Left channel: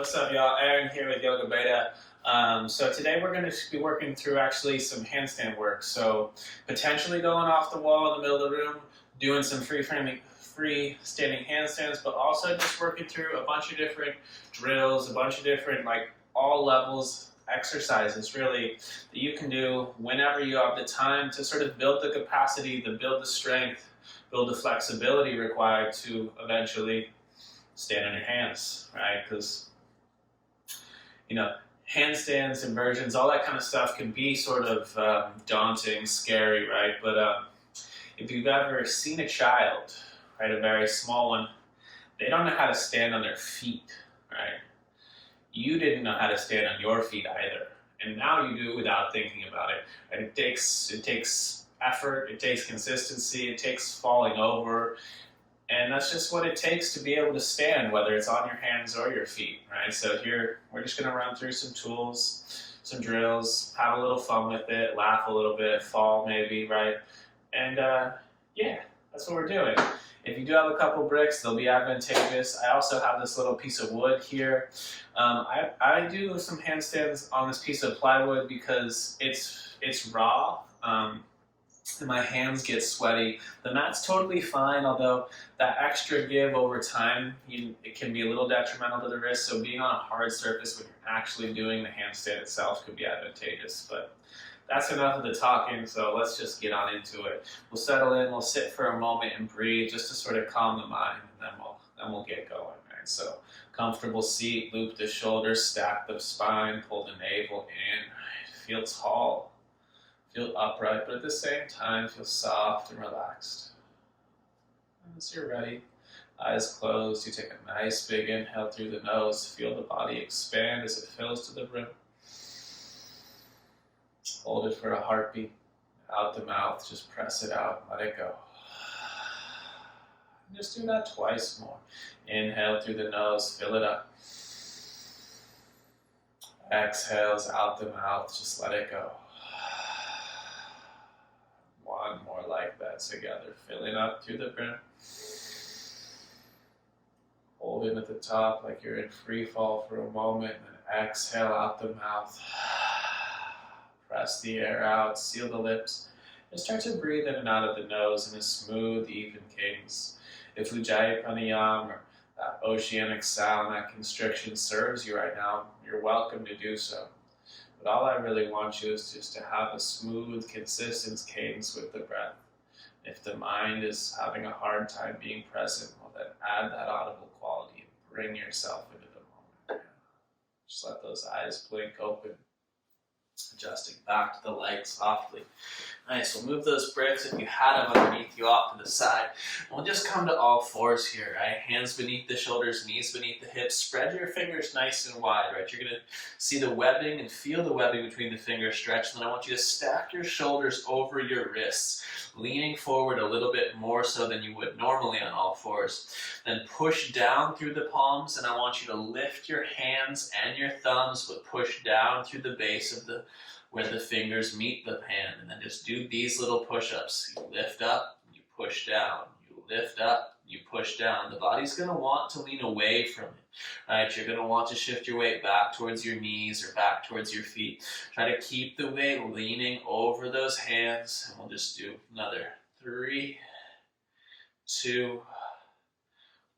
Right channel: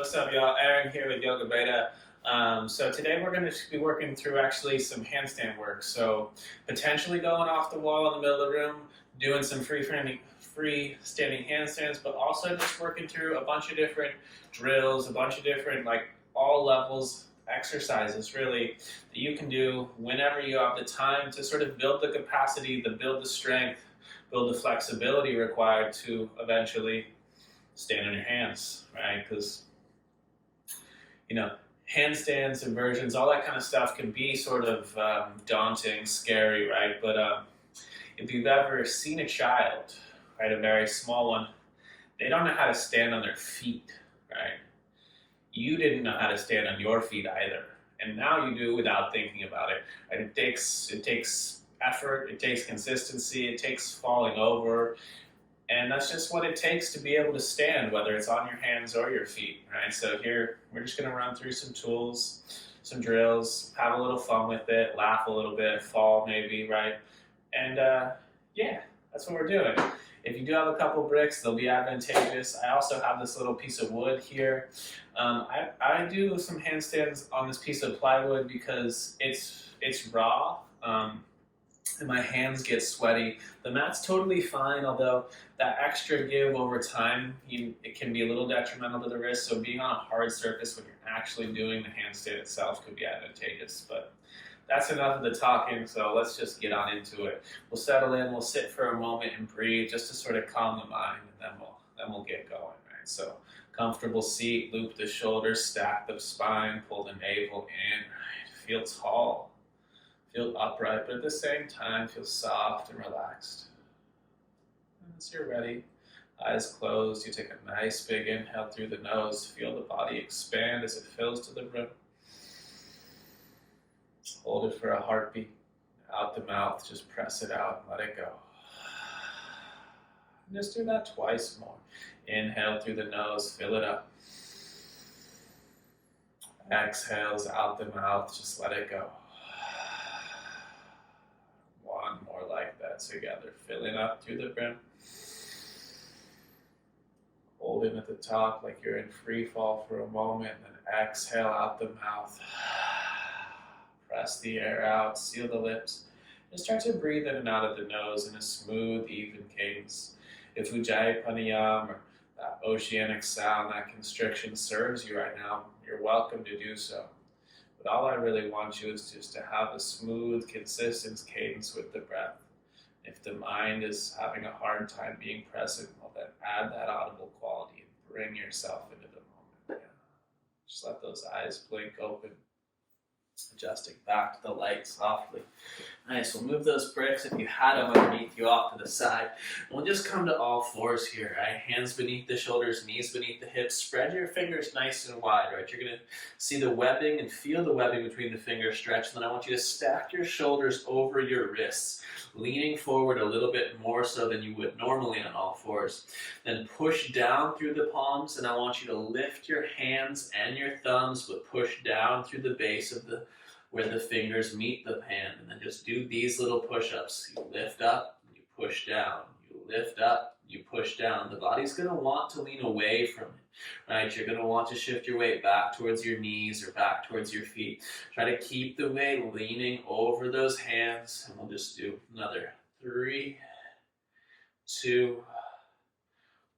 What's up, y'all? Aaron here with Yoga Beta. So today we're going to be working through actually some handstand work. So potentially going off the wall in the middle of the room, doing some freestanding handstands, but also just working through a bunch of different drills, a bunch of different all levels exercises really that you can do whenever you have the time to sort of build the capacity, to build the strength, build the flexibility required to eventually stand on your hands, right? Because handstands, inversions, all that kind of stuff can be sort of daunting, scary, right? But if you've ever seen a child, right, a very small one, they don't know how to stand on their feet, right? You didn't know how to stand on your feet either, and now you do without thinking about it. Right? It takes effort, it takes consistency, it takes falling over. And that's just what it takes to be able to stand, whether it's on your hands or your feet, right? So here, we're just gonna run through some tools, some drills, have a little fun with it, laugh a little bit, fall maybe, right? And yeah, that's what we're doing. If you do have a couple bricks, they'll be advantageous. I also have this little piece of wood here. I do some handstands on this piece of plywood because it's raw. And my hands get sweaty. The mat's totally fine, although that extra give over time, it can be a little detrimental to the wrist. So being on a hard surface when you're actually doing the handstand itself could be advantageous. But that's enough of the talking, so let's just get on into it. We'll settle in, we'll sit for a moment and breathe just to sort of calm the mind, and then we'll get going, right? So comfortable seat, loop the shoulders, stack the spine, pull the navel in, right? Feel tall. Feel upright, but at the same time, feel soft and relaxed. Once you're ready, eyes closed, you take a nice big inhale through the nose. Feel the body expand as it fills to the brim. Hold it for a heartbeat. Out the mouth, just press it out and let it go. And just do that twice more. Inhale through the nose, fill it up. Exhales out the mouth, just let it go. One more like that together, filling up through the brim. Hold in at the top like you're in free fall for a moment, and then exhale out the mouth. Press the air out, seal the lips, and start to breathe in and out of the nose in a smooth, even cadence. If Ujjayi Pranayama or that oceanic sound, that constriction serves you right now, you're welcome to do so. But all I really want you is just to have a smooth, consistent cadence with the breath. If the mind is having a hard time being present, well then add that audible quality and bring yourself into the moment. Just let those eyes blink open. Adjusting back to the light softly. Nice, we'll move those bricks if you had them underneath you off to the side. And we'll just come to all fours here, right? Hands beneath the shoulders, knees beneath the hips. Spread your fingers nice and wide, right? You're gonna see the webbing and feel the webbing between the fingers stretch. And then I want you to stack your shoulders over your wrists, leaning forward a little bit more so than you would normally on all fours. Then push down through the palms, and I want you to lift your hands and your thumbs, but push down through the base of where the fingers meet the hand, and then just do these little push-ups. You lift up, you push down, you lift up, you push down. The body's gonna want to lean away from it, right? You're gonna want to shift your weight back towards your knees or back towards your feet. Try to keep the weight leaning over those hands, and we'll just do another 3, 2,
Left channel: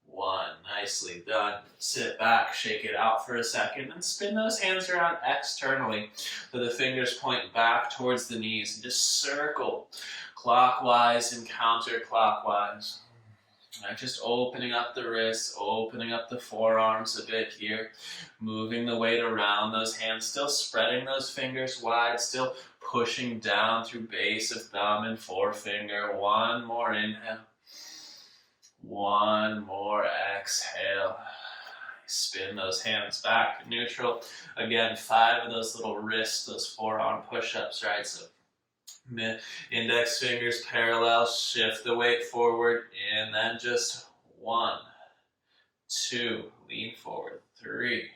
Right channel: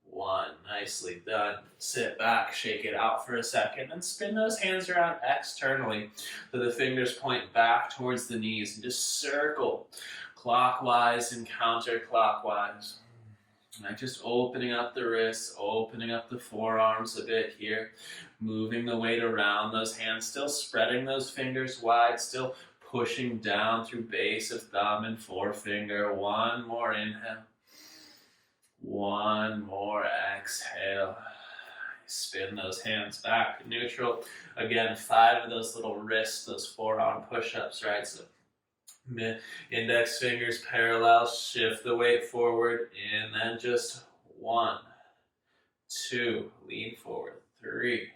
1. Nicely done. Sit back, shake it out for a second, and spin those hands around externally so the fingers point back towards the knees, and just circle clockwise and counterclockwise. Right, just opening up the wrists, opening up the forearms a bit here, moving the weight around those hands, still spreading those fingers wide, still pushing down through base of thumb and forefinger. One more inhale. One more exhale. Spin those hands back to neutral. Again, 5 of those little wrists, those forearm push-ups, right? So index fingers parallel, shift the weight forward, and then just 1, 2, lean forward, 3,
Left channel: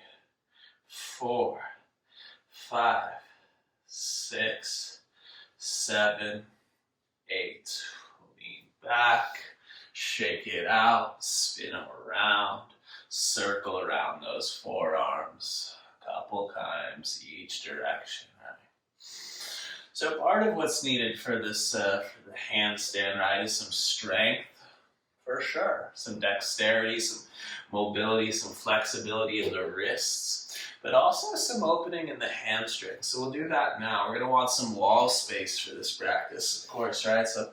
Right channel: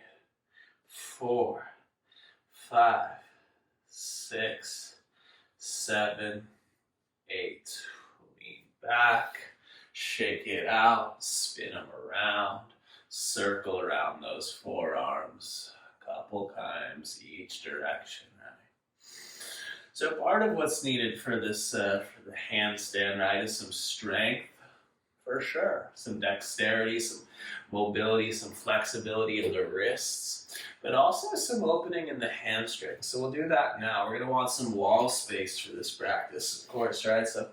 4, 5, 6, 7, 8. Lean back. Shake it out, spin them around, circle around those forearms a couple times each direction, right? So part of what's needed for this, for the handstand, right, is some strength, for sure. Some dexterity, some mobility, some flexibility in the wrists, but also some opening in the hamstrings. So we'll do that now. We're going to want some wall space for this practice, of course, right? So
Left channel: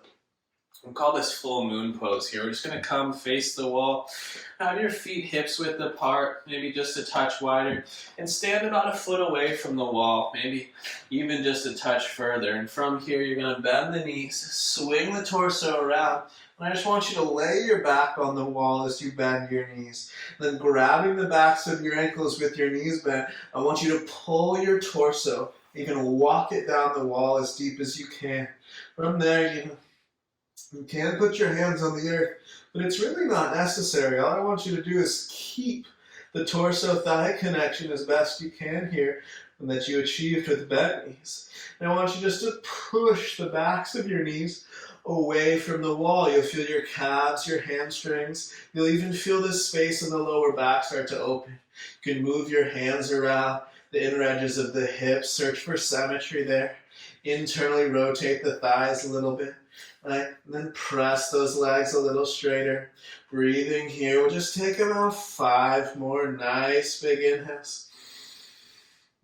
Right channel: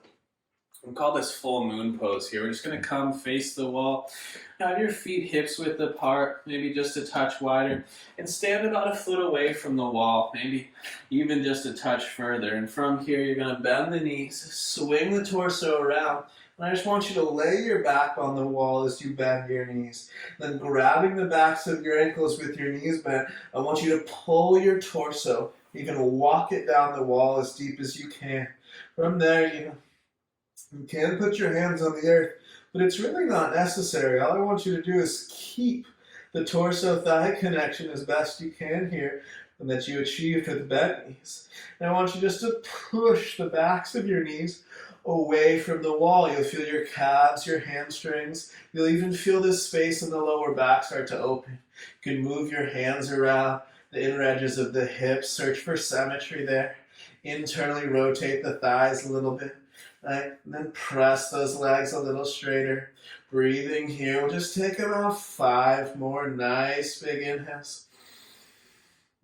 we'll call this full moon pose here. We're just going to come face the wall, have your feet hips width apart, maybe just a touch wider, and stand about a foot away from the wall, maybe even just a touch further. And from here, you're going to bend the knees, swing the torso around, and I just want you to lay your back on the wall as you bend your knees. Then grabbing the backs of your ankles with your knees bent, I want you to pull your torso. You can walk it down the wall as deep as you can. From there, you can put your hands on the earth, but it's really not necessary. All I want you to do is keep the torso-thigh connection as best you can here, and that you achieved with bent knees. And I want you just to push the backs of your knees away from the wall. You'll feel your calves, your hamstrings. You'll even feel this space in the lower back start to open. You can move your hands around the inner edges of the hips. Search for symmetry there. Internally rotate the thighs a little bit. Right? And then press those legs a little straighter. Breathing here. We'll just take about 5 more nice big inhales.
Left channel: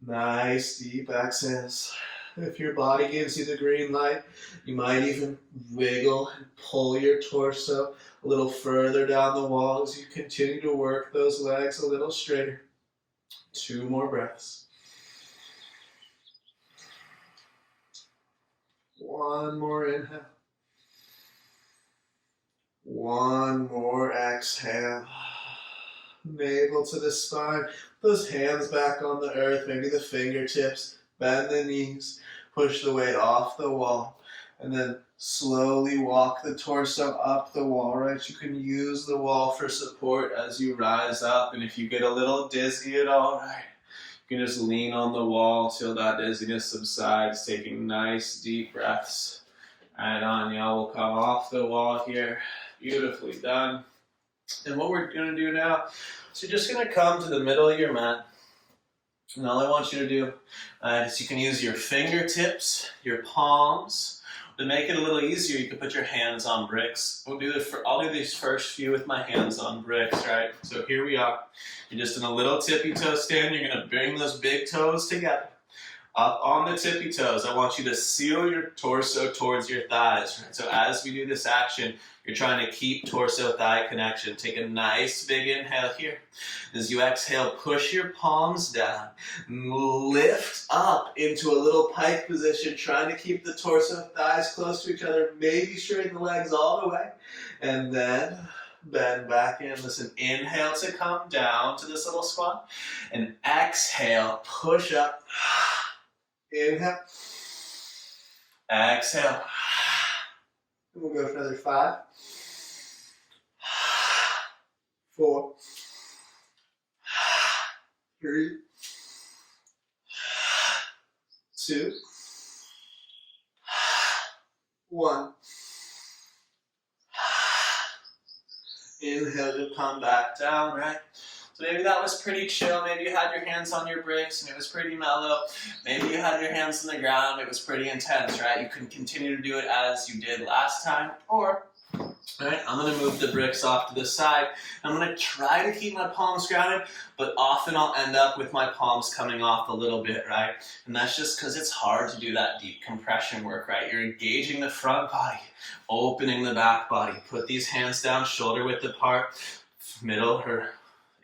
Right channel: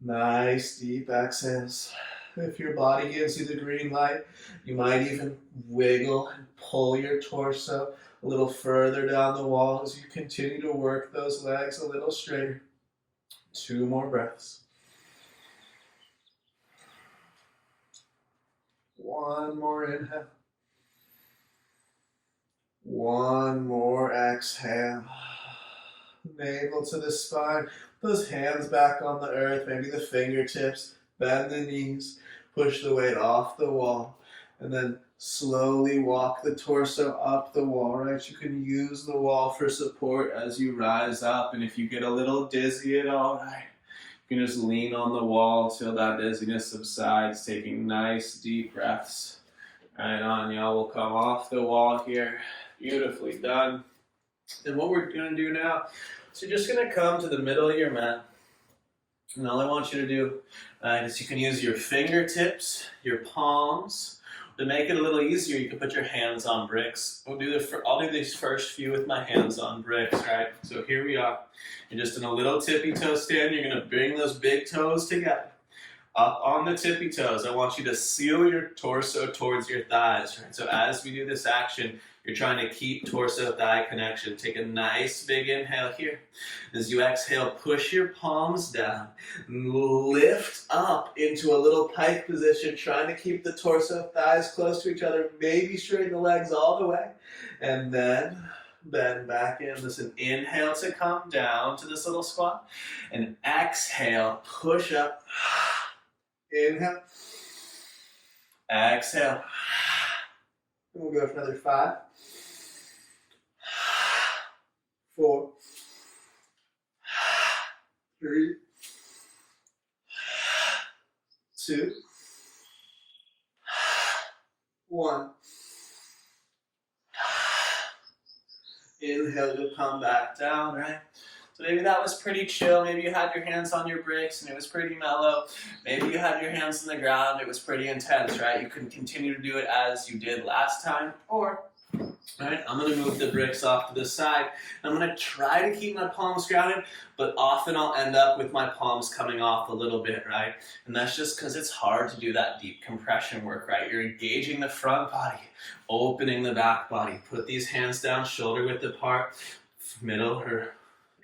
Nice deep exhales. If your body gives you the green light, you might even wiggle and pull your torso a little further down the wall as you continue to work those legs a little straighter. 2 more breaths. 1 more inhale. 1 more exhale. Navel to the spine. Those hands back on the earth, maybe the fingertips. Bend the knees. Push the weight off the wall. And then slowly walk the torso up the wall, right? You can use the wall for support as you rise up. And if you get a little dizzy at all, right, you can just lean on the wall till that dizziness subsides, taking nice deep breaths. Right on, y'all. We'll come off the wall here. Beautifully done. And what we're going to do now is you're just going to come to the middle of your mat. And all I want you to do is you can use your fingertips, your palms. To make it a little easier, you can put your hands on bricks. I'll do these first few with my hands on bricks, right? So here we are. You're just in a little tippy toe stand. You're going to bring those big toes together. Up on the tippy toes, I want you to seal your torso towards your thighs, right? So as we do this action, you're trying to keep torso-thigh connection. Take a nice big inhale here. As you exhale, push your palms down. Lift up into a little pike position, trying to keep the torso, thighs close to each other. Maybe straighten the legs all the way. And then bend back in. Listen, inhale to come down to this little squat. And exhale, push up. Inhale. Exhale. And we'll go for another 5. 4, 3, 2, 1. Inhale to come back down, right? So maybe that was pretty chill. Maybe you had your hands on your bricks and it was pretty mellow. Maybe you had your hands on the ground. It was pretty intense, right? You can continue to do it as you did last time, or right, I'm going to move the bricks off to the side. I'm going to try to keep my palms grounded, but often I'll end up with my palms coming off a little bit, right? And that's just because it's hard to do that deep compression work, right? You're engaging the front body, opening the back body. Put these hands down, shoulder width apart, middle or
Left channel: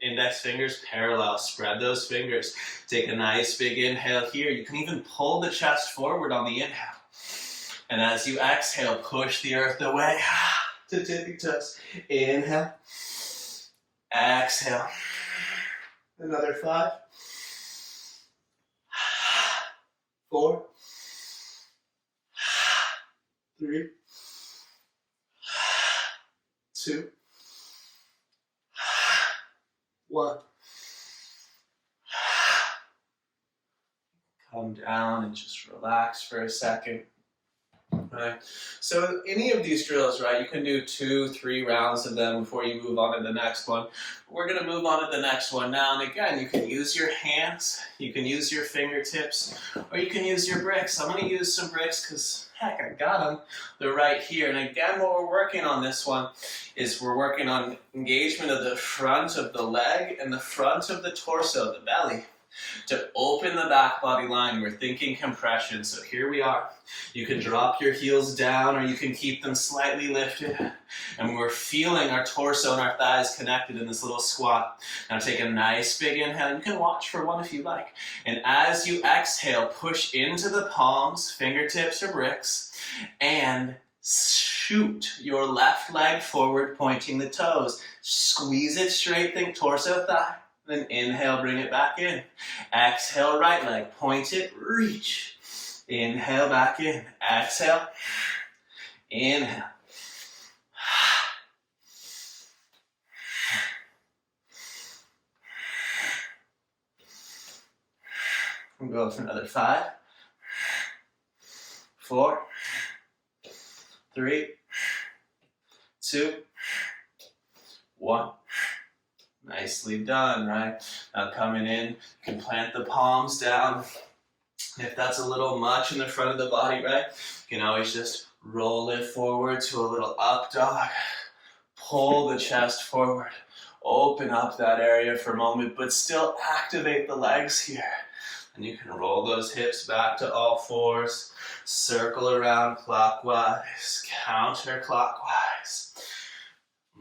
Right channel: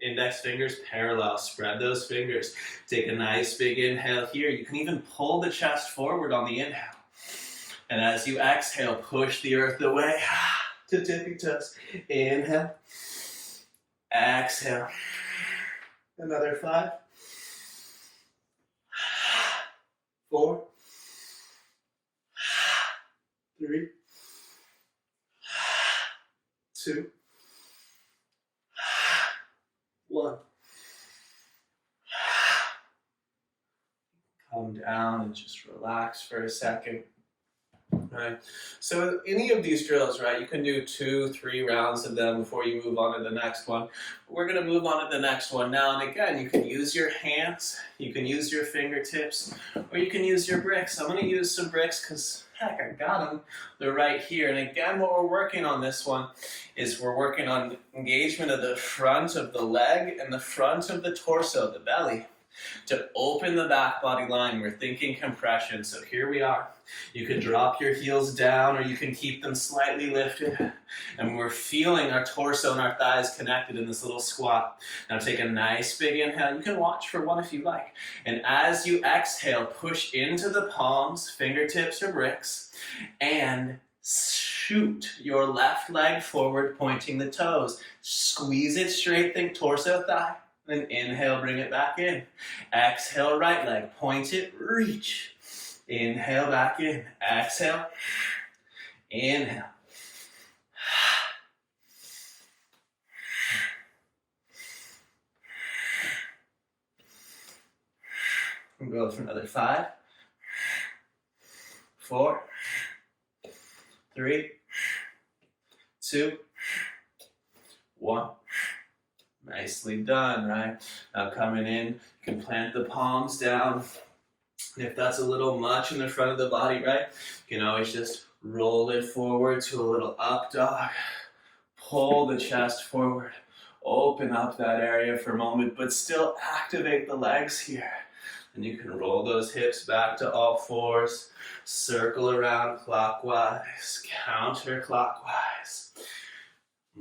index fingers parallel. Spread those fingers. Take a nice big inhale here. You can even pull the chest forward on the inhale. And as you exhale, push the earth away to tippy toes. Inhale. Exhale. Another 5. 4. 3. 2. 1. Come down and just relax for a second. Right. So any of these drills, right, you can do 2-3 rounds of them before you move on to the next one. We're going to move on to the next one now. And again, you can use your hands, you can use your fingertips, or you can use your bricks. I'm going to use some bricks because, heck, I got them. They're right here. And again, what we're working on this one is we're working on engagement of the front of the leg and the front of the torso, the belly. To open the back body line, we're thinking compression. So here we are. You can drop your heels down or you can keep them slightly lifted. And we're feeling our torso and our thighs connected in this little squat. Now take a nice big inhale. You can watch for one if you like. And as you exhale, push into the palms, fingertips or bricks, and shoot your left leg forward, pointing the toes. Squeeze it straight, think torso, thigh. Then inhale, bring it back in. Exhale, right leg, point it, reach. Inhale, back in. Exhale, inhale. We'll go for another 5, 4, 3, 2, 1. Nicely done, right? Now coming in, you can plant the palms down. If that's a little much in the front of the body, right? You can always just roll it forward to a little up dog. Pull the chest forward. Open up that area for a moment, but still activate the legs here. And you can roll those hips back to all fours. Circle around clockwise, counterclockwise.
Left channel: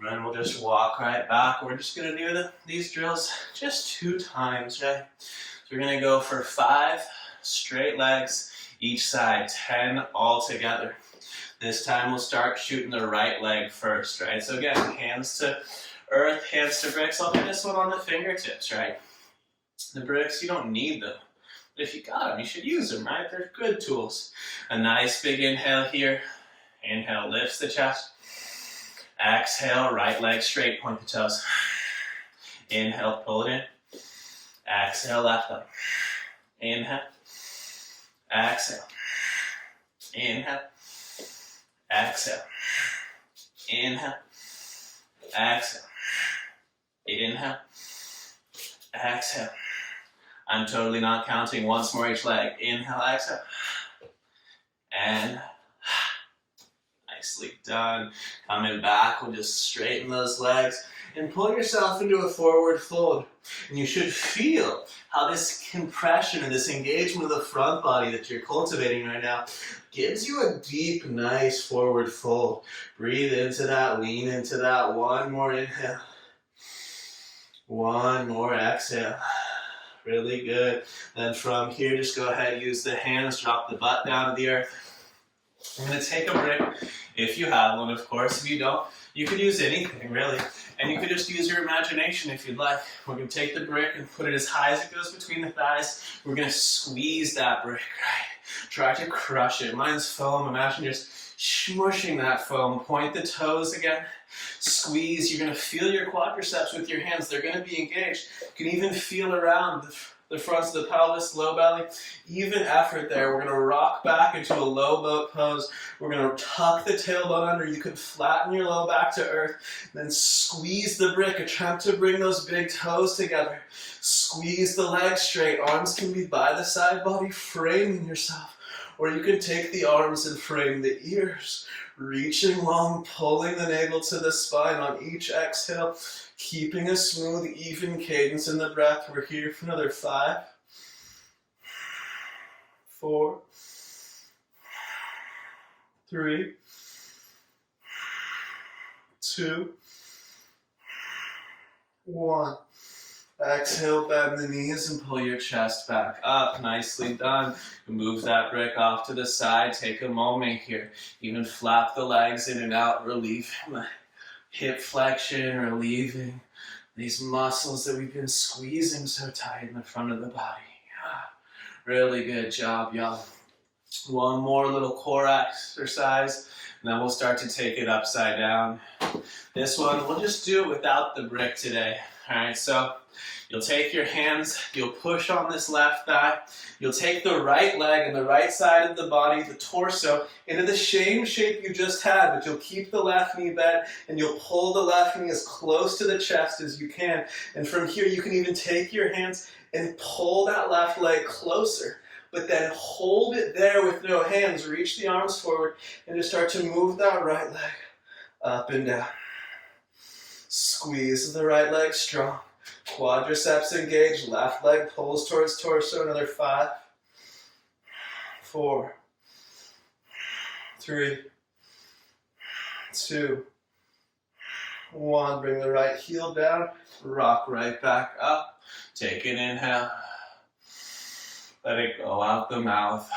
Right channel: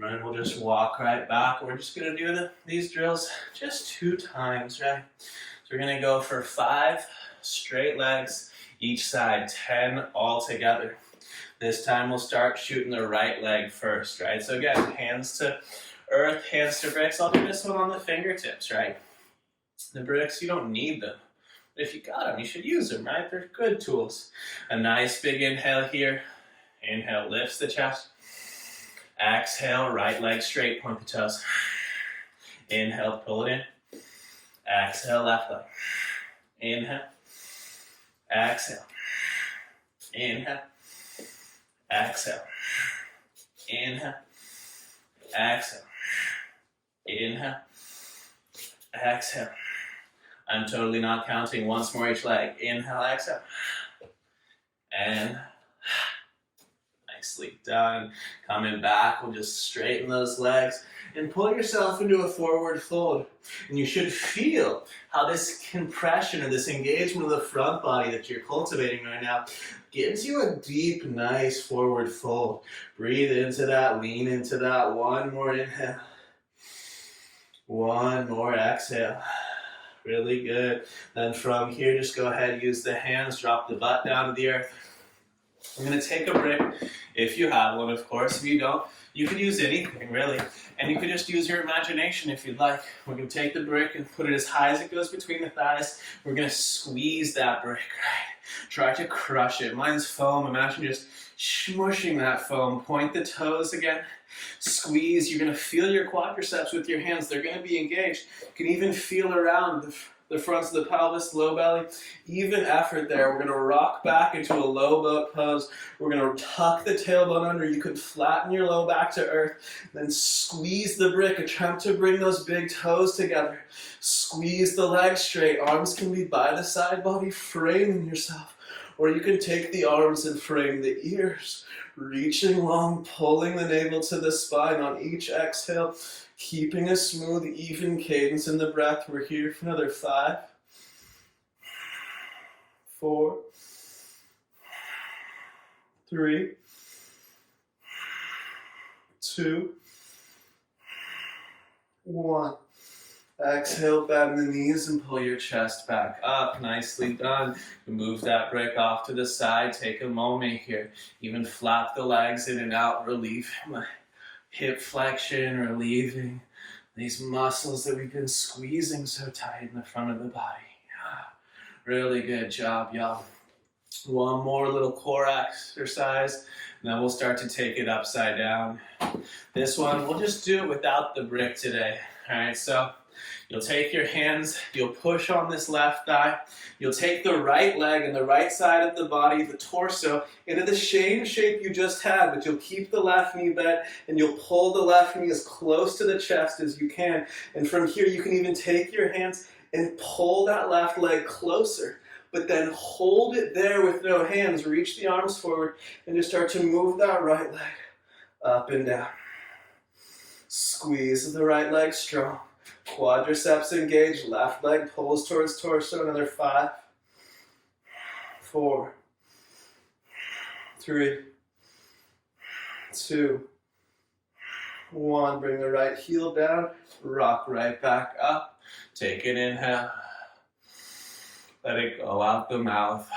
And we'll just walk right back. We're just going to do these drills just 2 times, right? So we're going to go for 5 straight legs each side, 10 all together. This time we'll start shooting the right leg first, right? So again, hands to earth, hands to bricks. I'll do this one on the fingertips, right? The bricks, you don't need them. But if you got them, you should use them, right? They're good tools. A nice big inhale here. Inhale lifts the chest. Exhale, right leg straight, point the toes. Inhale, pull it in. Exhale, left leg. Inhale. Exhale. Inhale. Exhale. Inhale. Exhale. Inhale. Exhale. I'm totally not counting. Once more each leg. Inhale, exhale. And nicely done. Coming back, we'll just straighten those legs and pull yourself into a forward fold. And you should feel how this compression or this engagement of the front body that you're cultivating right now gives you a deep, nice forward fold. Breathe into that, lean into that. One more inhale. One more exhale. Really good. Then from here, just go ahead, use the hands, drop the butt down to the earth. I'm going to take a brick, if you have one, of course. If you don't, you could use anything, really. And you could just use your imagination if you'd like. We're going to take the brick and put it as high as it goes between the thighs. We're going to squeeze that brick, right? Try to crush it. Mine's foam. Imagine just smushing that foam. Point the toes again. Squeeze. You're going to feel your quadriceps with your hands. They're going to be engaged. You can even feel around the fronts of the pelvis, low belly. Even effort there. We're going to rock back into a low boat pose. We're going to tuck the tailbone under. You can flatten your low back to earth. Then squeeze the brick. Attempt to bring those big toes together. Squeeze the legs straight. Arms can be by the side body, framing yourself. Or you can take the arms and frame the ears. Reaching long, pulling the navel to the spine on each exhale. Keeping a smooth, even cadence in the breath. We're here for another 5, 4, 3, 2, 1. Exhale, bend the knees and pull your chest back up. Nicely done. Move that brick off to the side. Take a moment here. Even flap the legs in and out, relieving my hip flexion, relieving these muscles that we've been squeezing so tight in the front of the body. Yeah. Really good job, y'all. One more little core exercise, and then we'll start to take it upside down. This one, we'll just do it without the brick today. All right, so you'll take your hands, you'll push on this left thigh, you'll take the right leg and the right side of the body, the torso, into the same shape you just had, but you'll keep the left knee bent and you'll pull the left knee as close to the chest as you can. And from here, you can even take your hands and pull that left leg closer, but then hold it there with no hands. Reach the arms forward and just start to move that right leg up and down. Squeeze the right leg strong. Quadriceps engaged, left leg pulls towards torso. Another 5, 4, 3, 2, 1. Bring the right heel down, rock right back up. Take an inhale. Let it go out the mouth.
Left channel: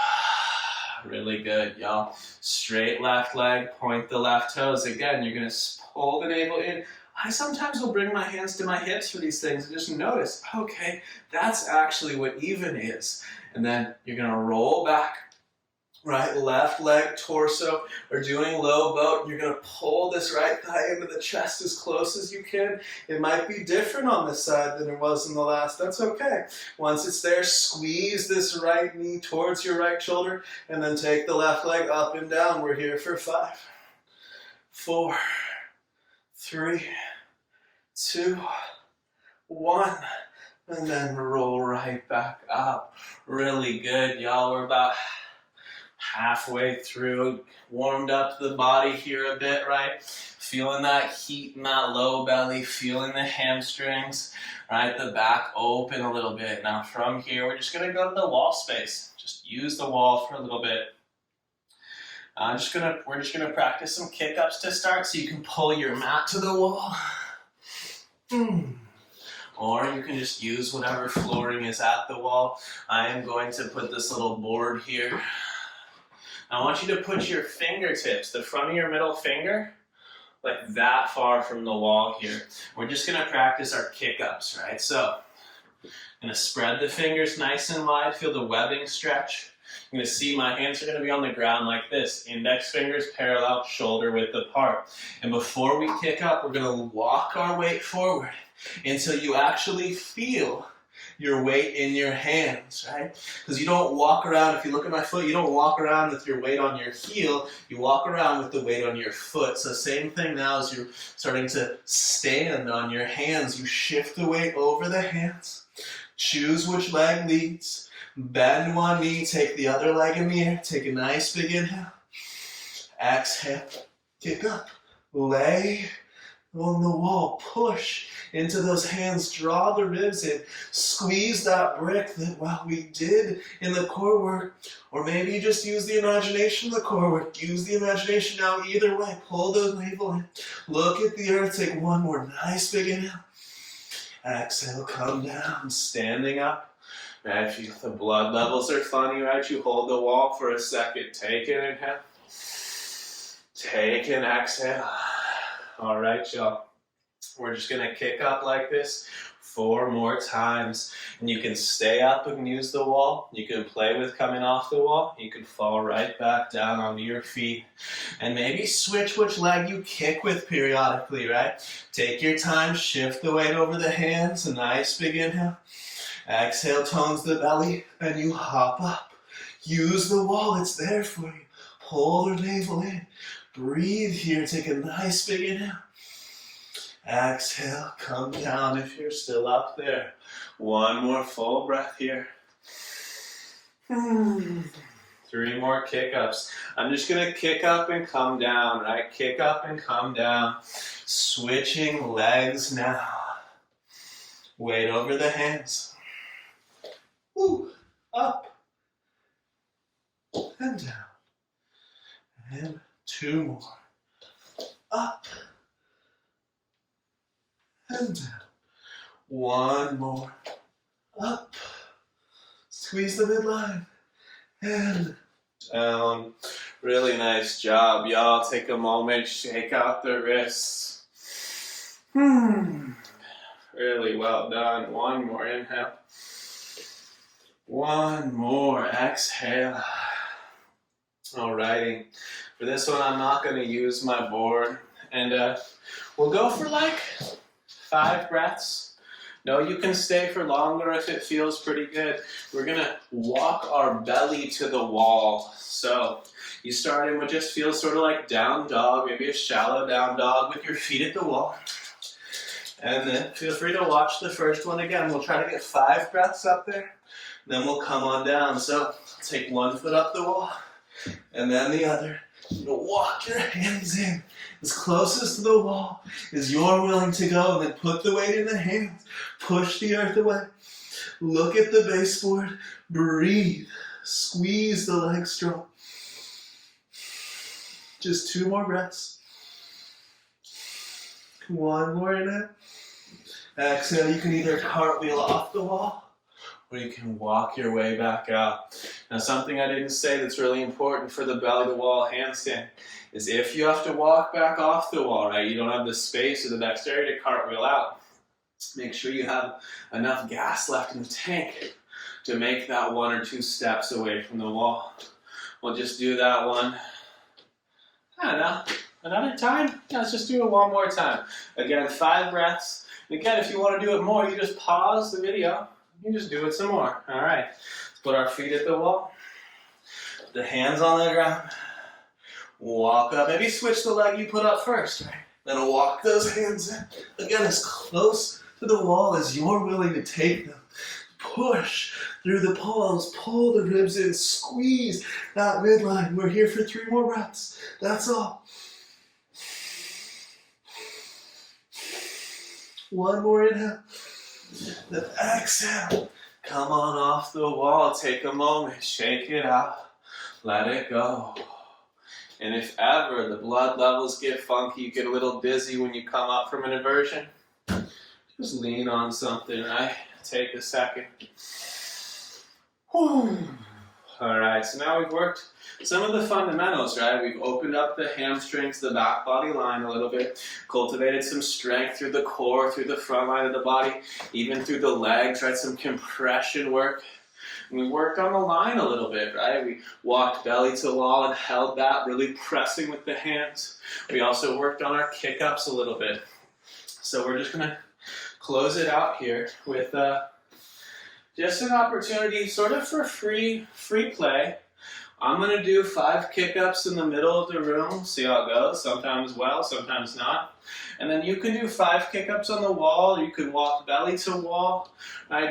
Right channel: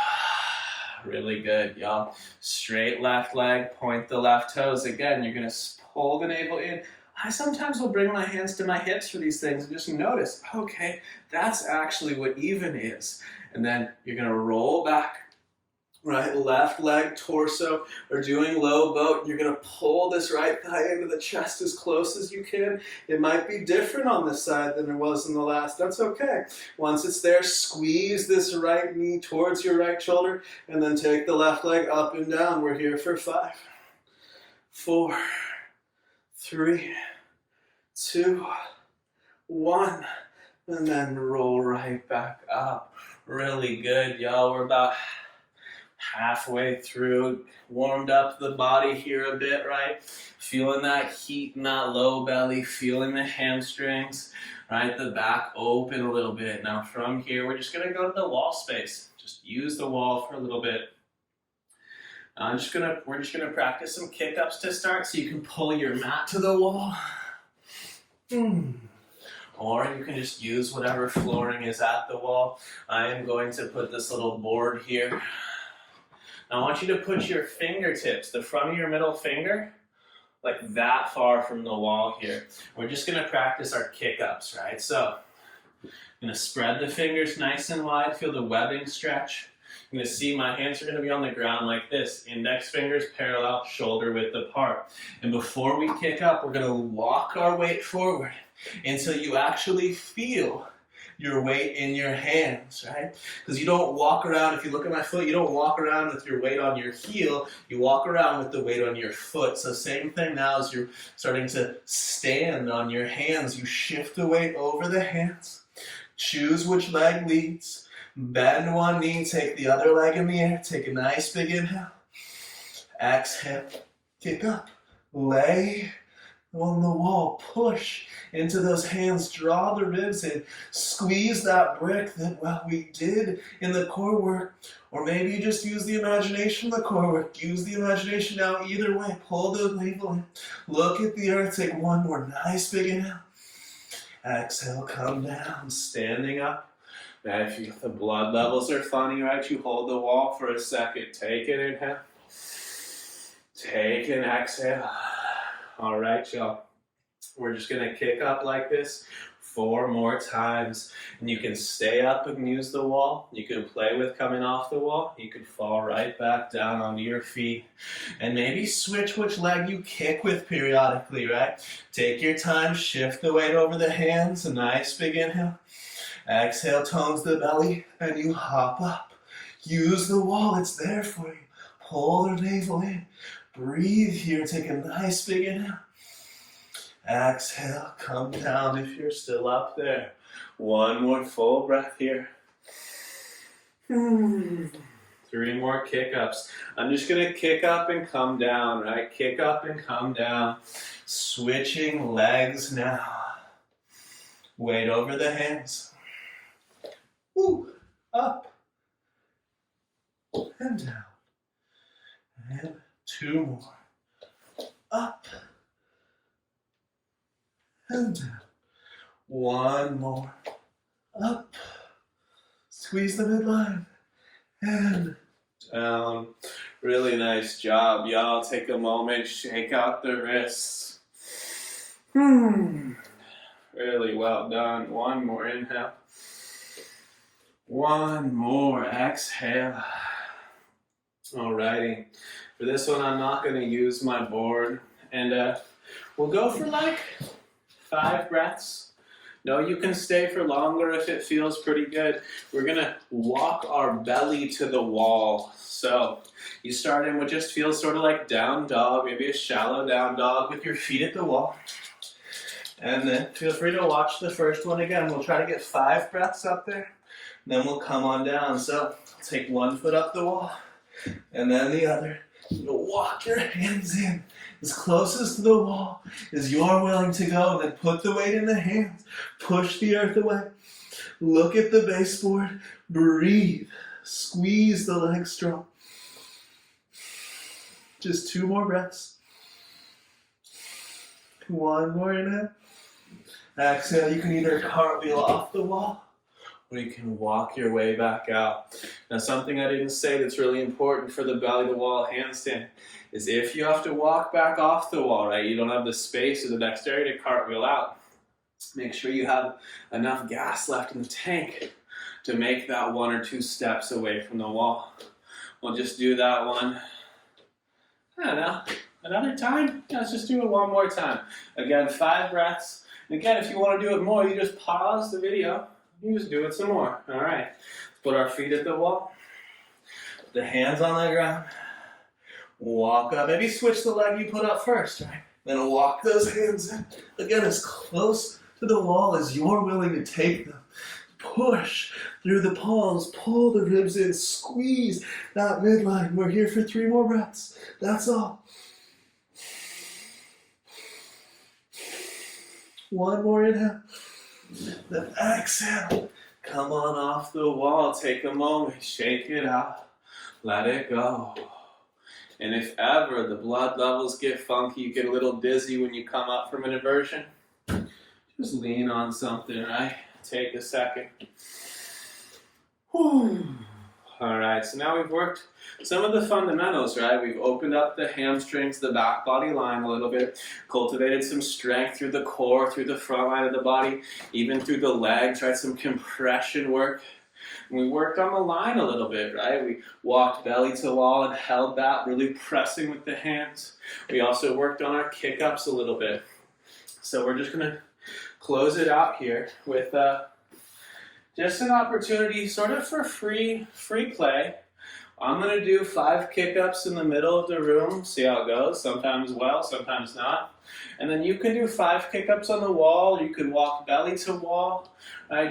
Really good, y'all. Straight left leg, point the left toes. Again, you're gonna pull the navel in. I sometimes will bring my hands to my hips for these things and just notice, okay, that's actually what even is. And then you're gonna roll back, right, left leg, torso. We're doing low boat. You're gonna pull this right thigh into the chest as close as you can. It might be different on this side than it was in the last. That's okay. Once it's there, squeeze this right knee towards your right shoulder and then take the left leg up and down. We're here for 5, 4, 3, 2, 1, and then roll right back up. Really good, y'all. We're about halfway through, warmed up the body here a bit, right? Feeling that heat in that low belly, feeling the hamstrings, right? The back open a little bit. Now from here, we're just gonna go to the wall space. Just use the wall for a little bit. We're just gonna practice some kick-ups to start, so you can pull your mat to the wall. Or you can just use whatever flooring is at the wall. I am going to put this little board here. I want you to put your fingertips, the front of your middle finger, like that far from the wall here. We're just gonna practice our kick-ups, right? So, I'm gonna spread the fingers nice and wide, feel the webbing stretch. You're gonna see my hands are gonna be on the ground like this. Index fingers parallel, shoulder width apart. And before we kick up, we're gonna walk our weight forward until you actually feel your weight in your hands, right? Because you don't walk around, if you look at my foot, you don't walk around with your weight on your heel, you walk around with the weight on your foot. So same thing now as you're starting to stand on your hands, you shift the weight over the hands, choose which leg leads, bend one knee, take the other leg in the air, take a nice big inhale, exhale, kick up, lay on the wall, push into those hands, draw the ribs in, squeeze that brick that, well, we did in the core work, or maybe you just use the imagination in the core work, use the imagination now, either way, pull the navel in, look at the earth, take one more nice big inhale, exhale, come down, standing up. Right, if the blood levels are funny, right, you hold the wall for a second, take an inhale, take an exhale. All right, y'all. We're just gonna kick up like this 4 more times. And you can stay up and use the wall. You can play with coming off the wall. You can fall right back down onto your feet. And maybe switch which leg you kick with periodically, right? Take your time, shift the weight over the hands. A nice big inhale. Exhale, tones the belly, and you hop up. Use the wall, it's there for you. Pull the navel in. Breathe here, take a nice big inhale. Exhale, come down if you're still up there. One more full breath here. 3 more kick-ups. I'm just gonna kick up and come down, right? Kick up and come down. Switching legs now. Weight over the hands. Woo, up and down. And 2 more. Up and down. 1 more. Up. Squeeze the midline. And down. Really nice job, y'all. Take a moment, shake out the wrists. Really well done. 1 more inhale. 1 more exhale. Alrighty. For this one, I'm not going to use my board. And we'll go for like 5 breaths. No, you can stay for longer if it feels pretty good. We're gonna walk our belly to the wall. So you start in what just feels sort of like down dog, maybe a shallow down dog with your feet at the wall. And then feel free to watch the first one again. We'll try to get 5 breaths up there. Then we'll come on down. So take one foot up the wall and then the other. You'll walk your hands in as close to the wall as you're willing to go. And then put the weight in the hands. Push the earth away. Look at the baseboard. Breathe. Squeeze the legs strong. Just 2 more breaths. One more inhale. Exhale, you can either cartwheel off the wall or you can walk your way back out. Now, something I didn't say that's really important for the belly to wall handstand is if you have to walk back off the wall, right, you don't have the space or the dexterity to cartwheel out, make sure you have enough gas left in the tank to make that 1 or 2 steps away from the wall. We'll just do that one. I don't know. Another time? Let's just do it one more time. Again, 5 breaths. And again, if you want to do it more, you just pause the video. You just do it some more. All right. Let's put our feet at the wall. The hands on the ground. Walk up. Maybe switch the leg you put up first, right? Then walk those hands in. Again, as close to the wall as you're willing to take them. Push through the palms. Pull the ribs in. Squeeze that midline. We're here for 3 more breaths. That's all. 1 more inhale. Then exhale. Come on off the wall. Take a moment. Shake it out. Let it go. And if ever the blood levels get funky, you get a little dizzy when you come up from an inversion, just lean on something, right? Take a second. Whew. All right, so now we've worked some of the fundamentals, right? We've opened up the hamstrings, the back body line a little bit, cultivated some strength through the core, through the front line of the body, even through the legs, right? Some compression work. And we worked on the line a little bit, right? We walked belly to wall and held that, really pressing with the hands. We also worked on our kick-ups a little bit. So we're just gonna close it out here with just an opportunity sort of for free play. I'm going to do 5 kick-ups in the middle of the room, see how it goes, sometimes well, sometimes not. And then you can do 5 kick-ups on the wall, you can walk belly to wall.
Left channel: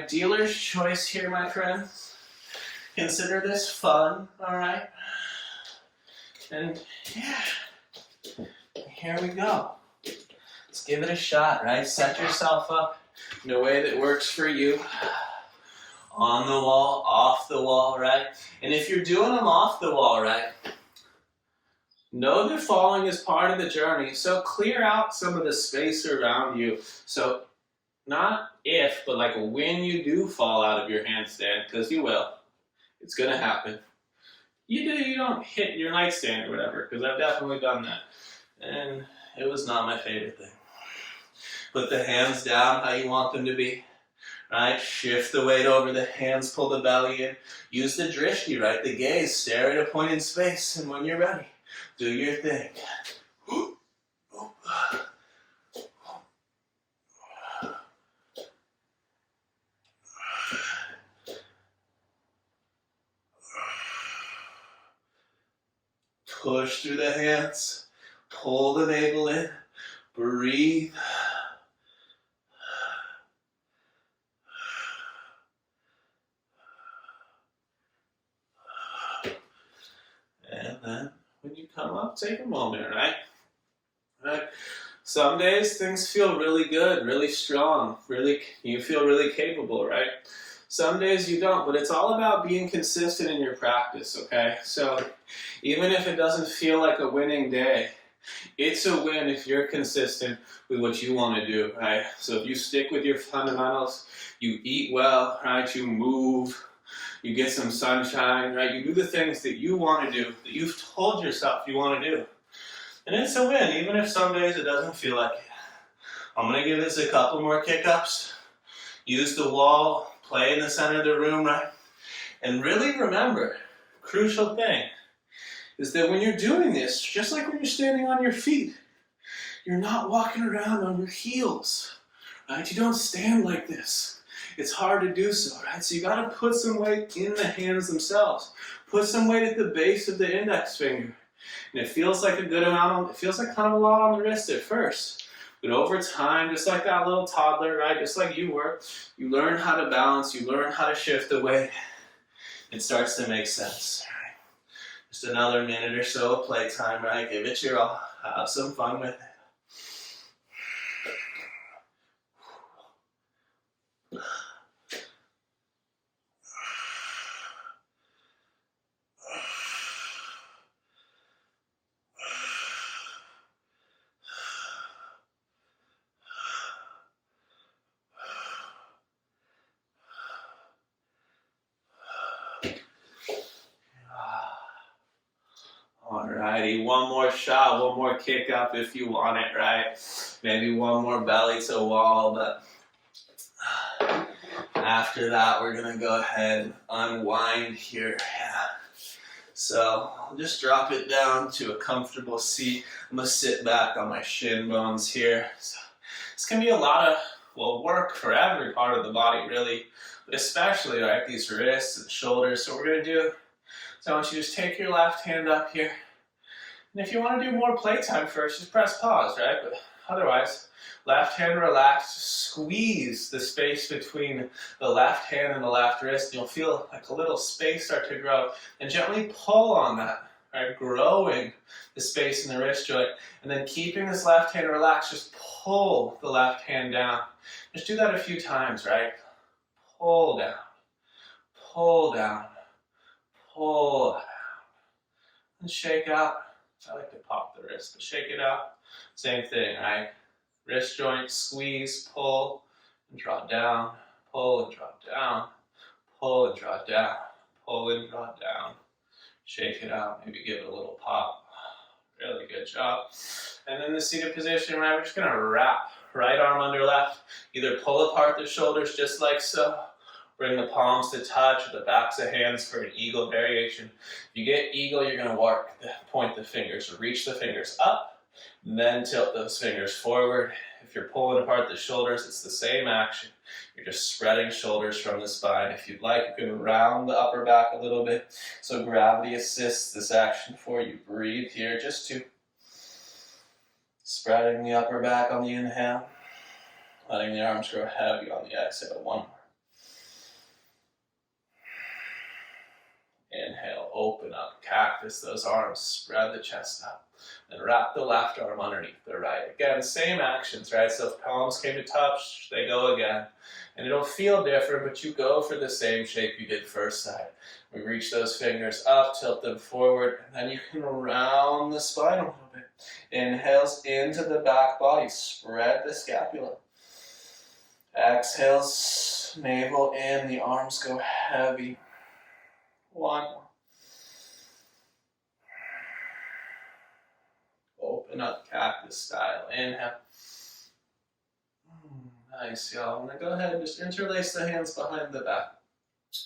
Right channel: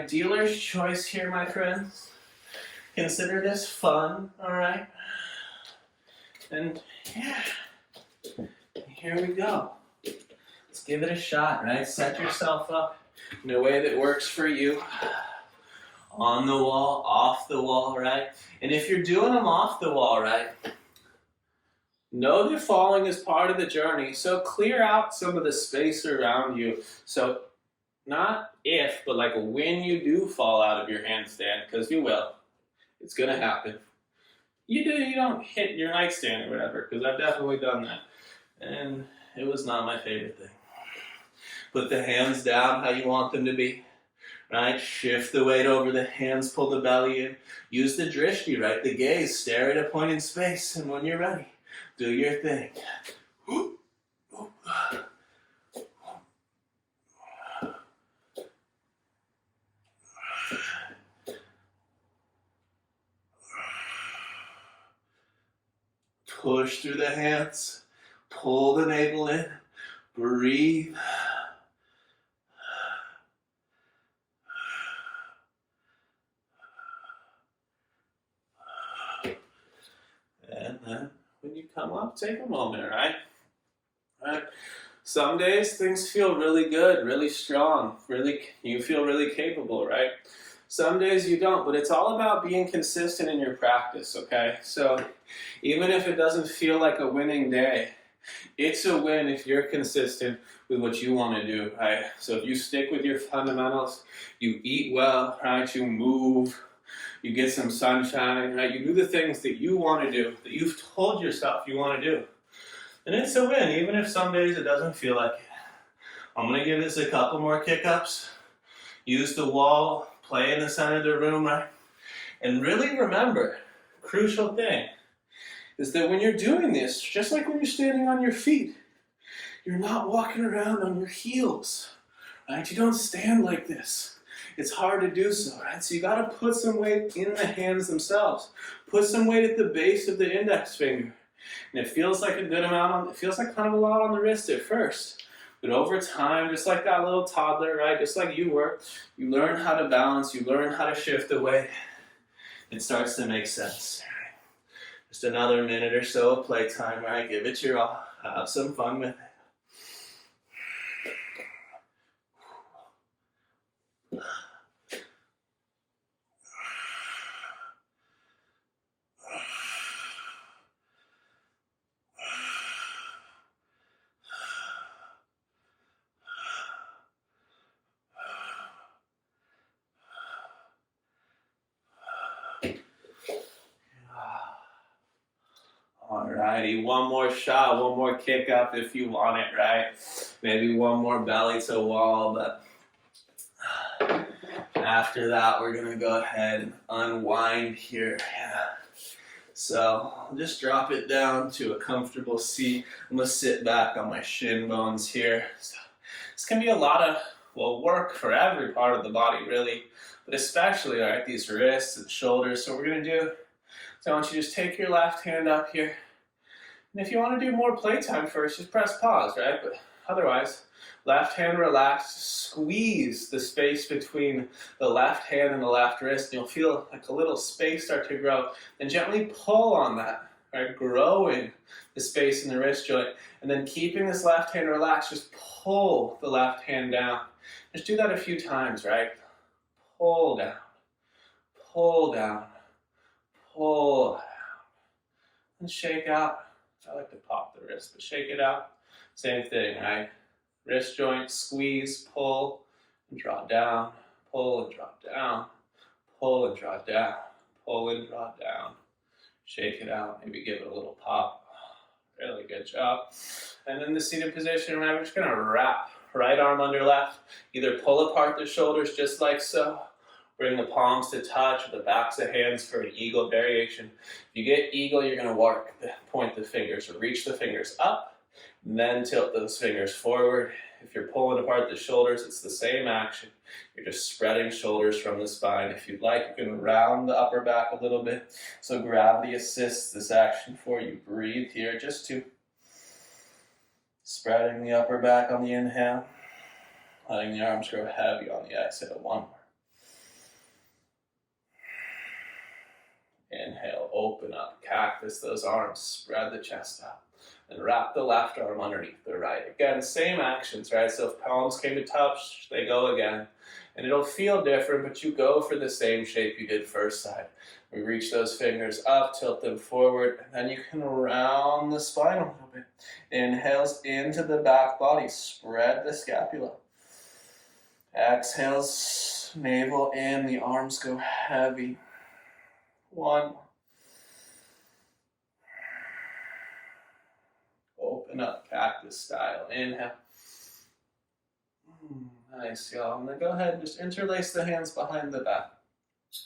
Dealer's choice here, my friends. Consider this fun, all right? And yeah, here we go. Let's give it a shot, right? Set yourself up in a way that works for you. On the wall, off the wall, right? And if you're doing them off the wall, right, know that falling is part of the journey. So clear out some of the space around you. So not if, but like when you do fall out of your handstand, because you will. It's going to happen. You don't hit your nightstand or whatever, because I've definitely done that. And it was not my favorite thing. Put the hands down how you want them to be. Right? Shift the weight over the hands, pull the belly in. Use the drishti, right? The gaze, stare at a point in space, and when you're ready, do your thing. Push through the hands, pull the navel in, breathe. And then when you come up, take a moment, all right? All right. Some days things feel really good, really strong, you feel really capable, right? Some days you don't, but it's all about being consistent in your practice, okay? So even if it doesn't feel like a winning day, it's a win if you're consistent with what you want to do, right? So if you stick with your fundamentals, you eat well, right? You move, you get some sunshine, right? You do the things that you want to do, that you've told yourself you want to do. And it's a win, even if some days it doesn't feel like it. I'm going to give this a couple more kick-ups. Use the wall, play in the center of the room, right? And really remember, crucial thing, is that when you're doing this, just like when you're standing on your feet, you're not walking around on your heels, right? You don't stand like this. It's hard to do so, right? So you got to put some weight in the hands themselves. Put some weight at the base of the index finger. And it feels like a good amount it feels like kind of a lot on the wrist at first. But over time, just like that little toddler, right? Just like you were, you learn how to balance, you learn how to shift the weight. It starts to make sense. Just another minute or so of playtime, right? Give it your all. Have some fun with it. Alrighty, one more shot, one more kick up if you want it, right? Maybe one more belly to wall, but after that, we're gonna go ahead and unwind here. Yeah. So I'll just drop it down to a comfortable seat. I'm gonna sit back on my shin bones here. So this can be a lot of, work for every part of the body, really, but especially, right, these wrists and shoulders. So what we're gonna do, so I want you to just take your left hand up here. And if you want to do more playtime first, just press pause, right? But otherwise, left hand relaxed, squeeze the space between the left hand and the left wrist, and you'll feel like a little space start to grow. And gently pull on that, right? Growing the space in the wrist joint. And then keeping this left hand relaxed, just pull the left hand down. Just do that a few times, right? Pull down, pull down, pull down. And shake out. I like to pop the wrist, but shake it out. Same thing, right? Wrist joint, squeeze, pull, and draw down. Pull and draw down. Pull and draw down. Pull and draw down. Shake it out. Maybe give it a little pop. Really good job. And then the seated position, right? We're just going to wrap right arm under left. Either pull apart the shoulders just like so. Bring the palms to touch, or the backs of hands for an eagle variation. If you get eagle, you're going to point the fingers. So reach the fingers up, then tilt those fingers forward. If you're pulling apart the shoulders, it's the same action. You're just spreading shoulders from the spine. If you'd like, you can round the upper back a little bit. So gravity assists this action for you. Breathe here, just two. Spreading the upper back on the inhale. Letting the arms grow heavy on the exhale. One more. Inhale, open up, cactus those arms, spread the chest out. And wrap the left arm underneath the right. Again, same actions, right? So if palms came to touch, they go again. And it'll feel different, but you go for the same shape you did first side. We reach those fingers up, tilt them forward, and then you can round the spine a little bit. Inhales into the back body, spread the scapula. Exhales, navel in, the arms go heavy. One more. Open up cactus style. Inhale. Nice, y'all. And then go ahead and just interlace the hands behind the back.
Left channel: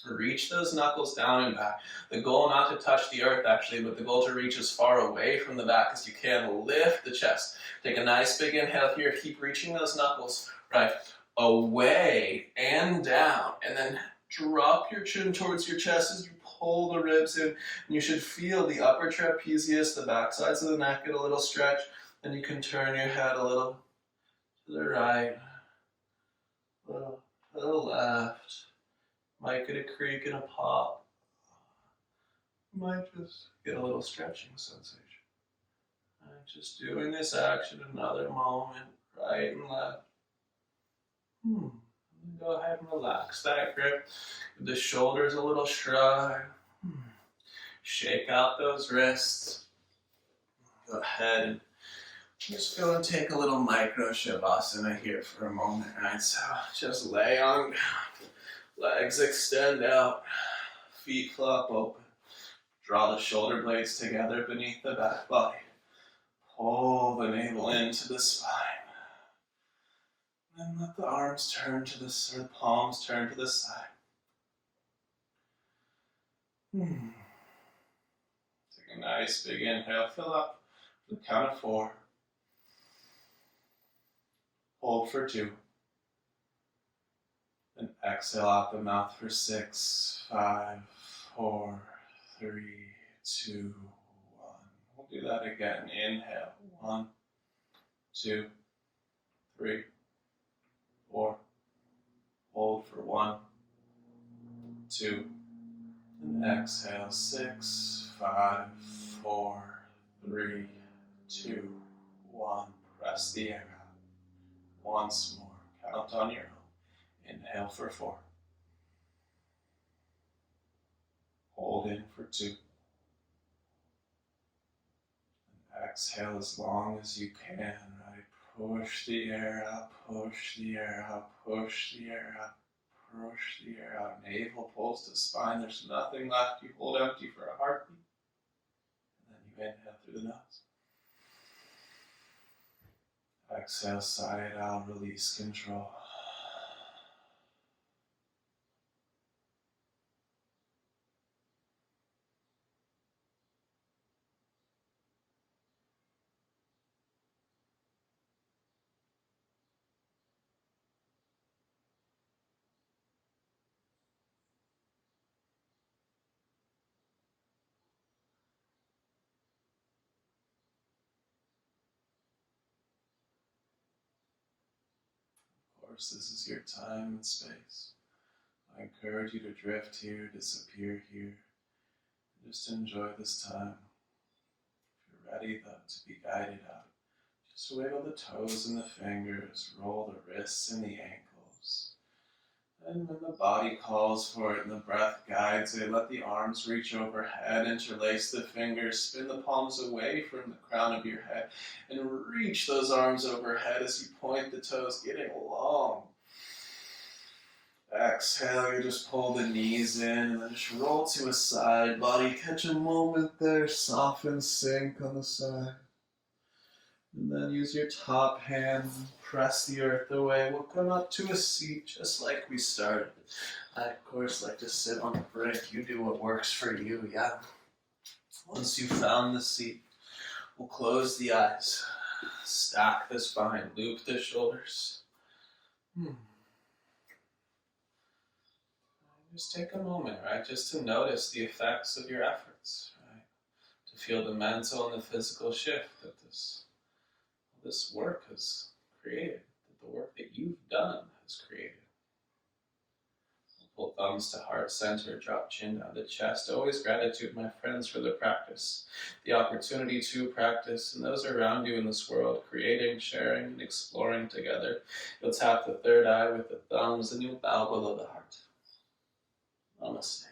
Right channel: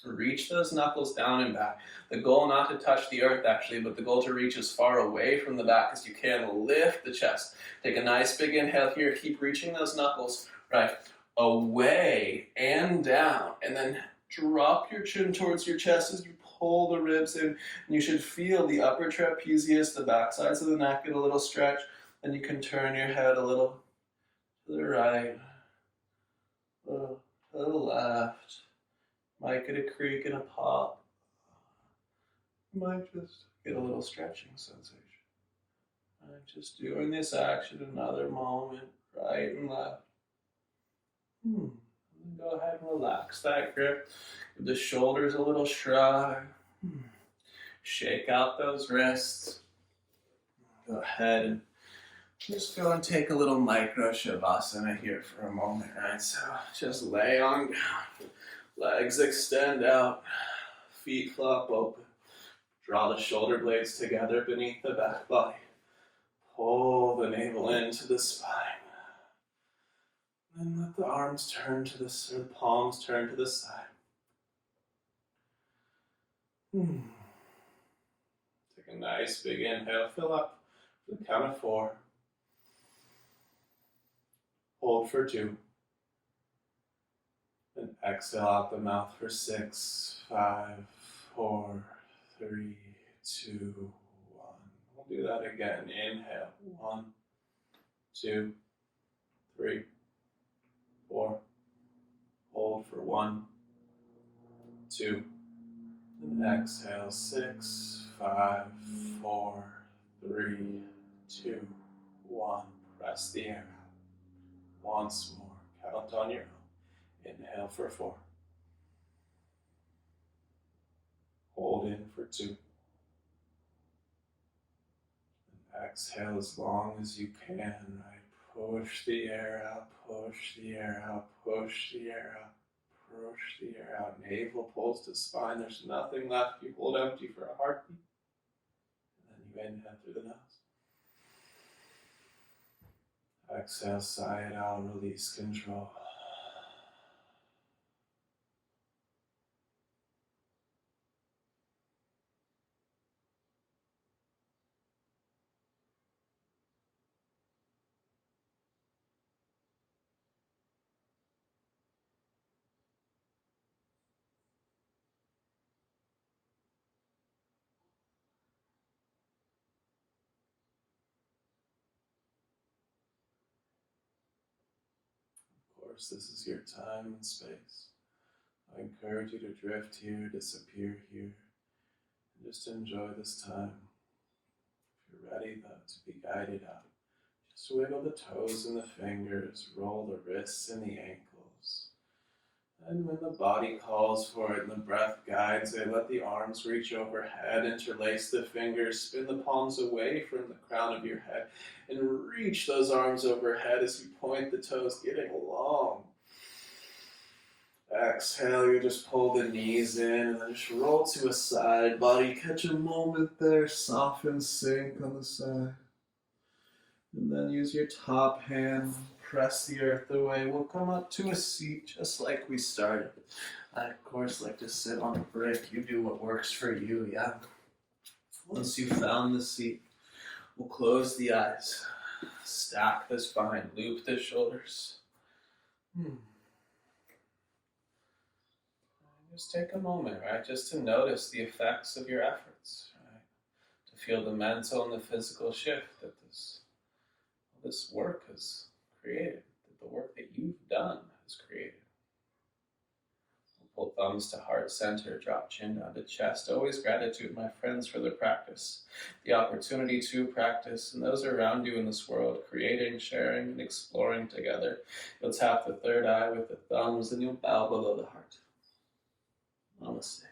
Reach those knuckles down and back. The goal not to touch the earth actually, but the goal to reach as far away from the back as you can. Lift the chest. Take a nice big inhale here. Keep reaching those knuckles, right? Away and down. And then drop your chin towards your chest as you pull the ribs in. And you should feel the upper trapezius, the back sides of the neck get a little stretch. Then you can turn your head a little to the right, a little to the left. Might get a creak and a pop. Might just get a little stretching sensation. Right, just doing this action another moment, right and left. Go ahead and relax that grip. Give the shoulders a little shrug. Shake out those wrists. Go ahead and just go and take a little micro Shavasana here for a moment, right? So just lay on ground. Legs extend out. Feet flop open. Draw the shoulder blades together beneath the back body. Pull the navel into the spine. And let the arms turn to the palms turn to the side. Take a nice big inhale. Fill up to the count of 4. Hold for 2. Exhale out the mouth for 6, 5, 4, 3, 2, 1. We'll do that again. Inhale. 1, 2, 3, 4. Hold for 1, 2. And exhale. 6, 5, 4, 3, 2, 1. Press the air out. Once more. Count on your own. Inhale for 4. Hold in for 2. Exhale as long as you can, right? Push the air out, push the air out, push the air out, push the air out. Navel pulls to spine. There's nothing left. You hold empty for a heartbeat. And then you inhale through the nose. Exhale, sigh it out, release control. Of course, this is your time and space. I encourage you to drift here, disappear here. Just enjoy this time. If you're ready, though, to be guided out, just wiggle the toes and the fingers, roll the wrists and the ankles. And when the body calls for it and the breath guides it, let the arms reach overhead, interlace the fingers, spin the palms away from the crown of your head, and reach those arms overhead as you point the toes, getting long. Exhale, you just pull the knees in and then just roll to a side. Body, catch a moment there, soften, sink on the side. And then use your top hand, press the earth away. We'll come up to a seat just like we started. I, of course, like to sit on a brick. You do what works for you, yeah? Once you've found the seat, we'll close the eyes, stack the spine, loop the shoulders. Just take a moment, right? Just to notice the effects of your efforts, right? To feel the mental and the physical shift that this work has created, that the work that you've done has created. Pull thumbs to heart center, drop chin down to chest. Always gratitude, my friends, for the practice, the opportunity to practice, and those around you in this world, creating, sharing, and exploring together. You'll tap the third eye with the thumbs, and you'll bow below the heart. Namaste.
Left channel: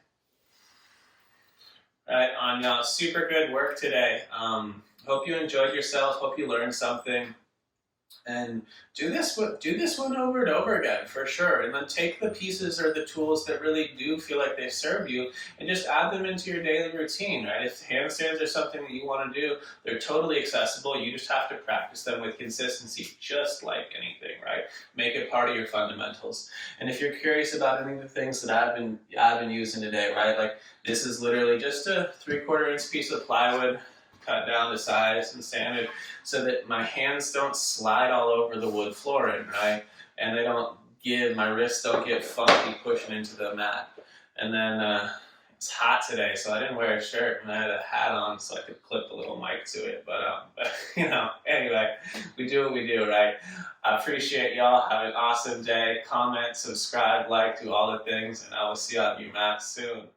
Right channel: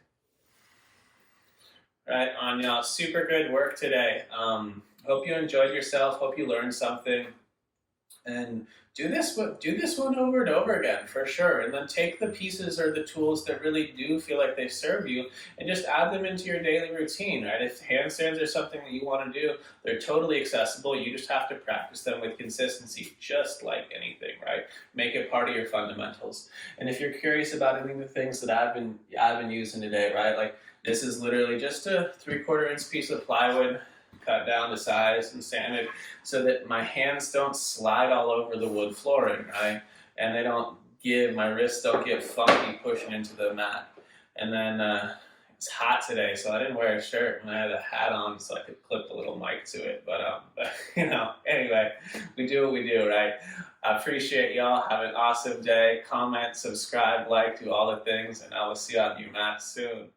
Right on, y'all. Super good work today. Hope you enjoyed yourself. Hope you learned something. And do this one over and over again for sure. And then take the pieces or the tools that really do feel like they serve you and just add them into your daily routine, right? If handstands are something that you want to do, they're totally accessible. You just have to practice them with consistency, just like anything, right? Make it part of your fundamentals. And if you're curious about any of the things that I've been using today, right? Like this is literally just a 3/4 inch piece of plywood, cut down to size and sanded so that my hands don't slide all over the wood flooring, right? And my wrists don't get funky pushing into the mat. And then it's hot today, so I didn't wear a shirt and I had a hat on so I could clip a little mic to it. But anyway, we do what we do, right? I appreciate y'all. Have an awesome day. Comment, subscribe, like, do all the things, and I will see you on your mat soon.